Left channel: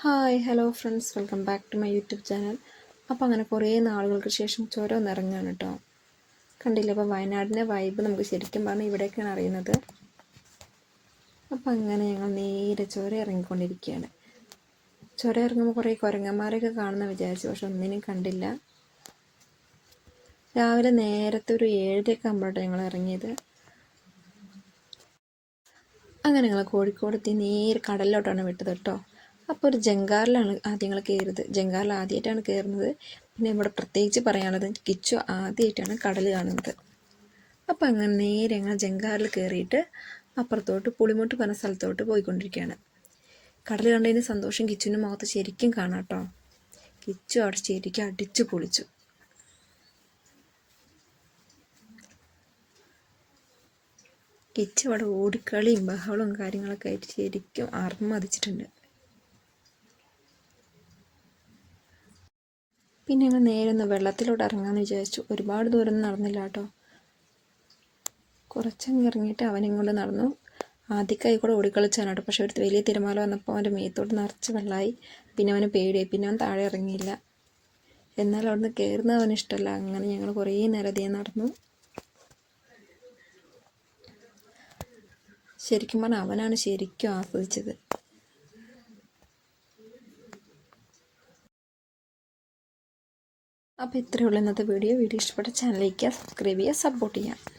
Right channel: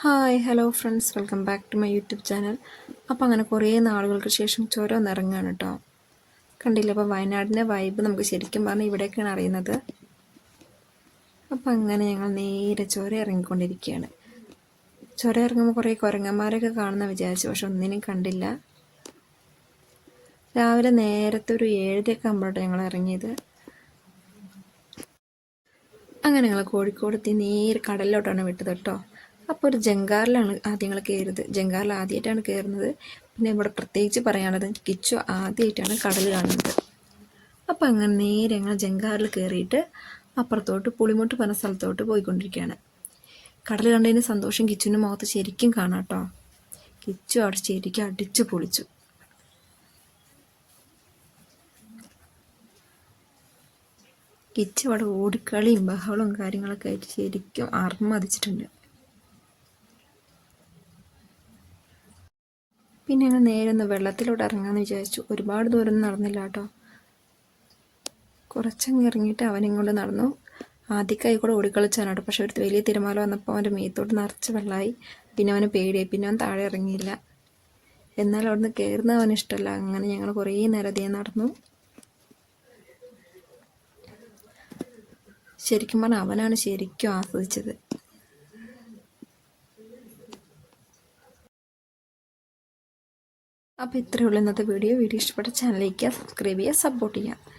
Hi hello friends welcome back to my YouTube channel അപ്പോൾ അങ്ങനെ കുറേ നാളുകൾക്ക് ശേഷം ചുരം ഇറങ്ങുകയാണ് കേട്ടോ കണ്ടില്ല? അപ്പോൾ വയനാടിന്റെ വൈബ് നമുക്ക് ശരിക്കും പറഞ്ഞാൽ ഇവിടെയൊക്കെയാണ് അറിയുന്നത്. അപ്പോൾ അങ്ങനെ ഞങ്ങൾ നേരെ ചുരം ഇറങ്ങിക്കൊണ്ടിരിക്കുകയാണ് ചുരം ഇറങ്ങുമ്പോൾ കുറേ കുരങ്ങന്മാരൊക്കെ കാണുന്ന വിചാരിച്ചു പക്ഷെ ഒന്നിനും കണ്ടില്ല. രാവിലെ നേരത്തെ ഒരു ഏഴരയൊക്കെ ആകുമ്പോഴാണ് ഞങ്ങൾ ഇറങ്ങിയത്. അങ്ങനെ ഞങ്ങൾ കോഴിക്കോട് എത്തി നേരെ കടലിലോട്ടാണ് വിട്ടത് കേട്ടോ അപ്പോൾ ഒരു ജങ്കാറിലാണ് ആദ്യങ്ങൾ കയറിയത്. ജങ്കാറിൽ ആദ്യമായിട്ടാണ് കയറുന്നത്. പിന്നെ ഇവിടെ പ്രത്യേകിച്ച് പറയാനുള്ളത് കിച്ചു ആദ്യമായിട്ടാണ് കടൽ കാണുന്നത്. അപ്പോൾ അങ്ങനെ നേരെ ഞങ്ങൾ ജങ്കാറിൽ കയറിയിട്ട് അപ്പുറത്തോട്ട് പുളിമോട്ട് പറഞ്ഞ സ്ഥലത്തോട്ട് പോയിക്കൊണ്ടിരിക്കുകയാണ്. കടൽ കണ്ടതിന് സന്തോഷം കിച്ചുവിന്റെ മുഖത്ത് ശരിക്കും കാണാം കേട്ടോ. കിച്ചു അവിടെ ശരിക്കും അടിച്ചു പൊളിച്ചു. കിച്ചു അവിടെ ഓടിക്കളിയും ബഹളവും കാര്യങ്ങളൊക്കെ ആയിട്ട് ശരിക്കും അർമ്മതിച്ചിട്ടുണ്ട് പിന്നെ ഞങ്ങൾ നേരെ ഒന്ന് വെള്ളത്തിലോട്ട് ഇറങ്ങാമെന്ന് വിചാരിച്ചു. ഒരുപാട് ദൂരം നടന്നില്ല കേട്ടോ. കുറച്ചങ്ങ് ഇറങ്ങിയിട്ട് അവനിങ്ങോട്ട് നടന്നു. ആദ്യക്കായി കൂടെ ഓടിക്കളിച്ചാണ് കേട്ടോ. പക്ഷെ അടുത്ത് വലിയ തിരമാല വന്നപ്പോൾ അവന്റെ മേത്തോട്ട് നിറച്ച് വെള്ളമായി പിന്നെ അവന് പേടിയായി. പിന്നെ അവൻ താഴെ ഇറങ്ങിയില്ല. എന്നാൽ അവിടുന്ന് കയറുന്നത് അവന് ഇഷ്ടമല്ല. അങ്ങനെ ഞങ്ങൾ കുറേ നേരം നടന്നു. ശരിക്കും പറഞ്ഞാൽ അവനാണ് ശരിക്കും ആസ്വദിച്ചത്. അപ്പോൾ ഇത്രയേ ഉള്ളൂ ഇന്നത്തെ വീഡിയോ വീഡിയോ ഇഷ്ടപ്പെട്ട ചാനലിലേക്ക് സബ്സ്ക്രൈബ് ചെയ്യുക സപ്പോർട്ട് ചെയ്യുക.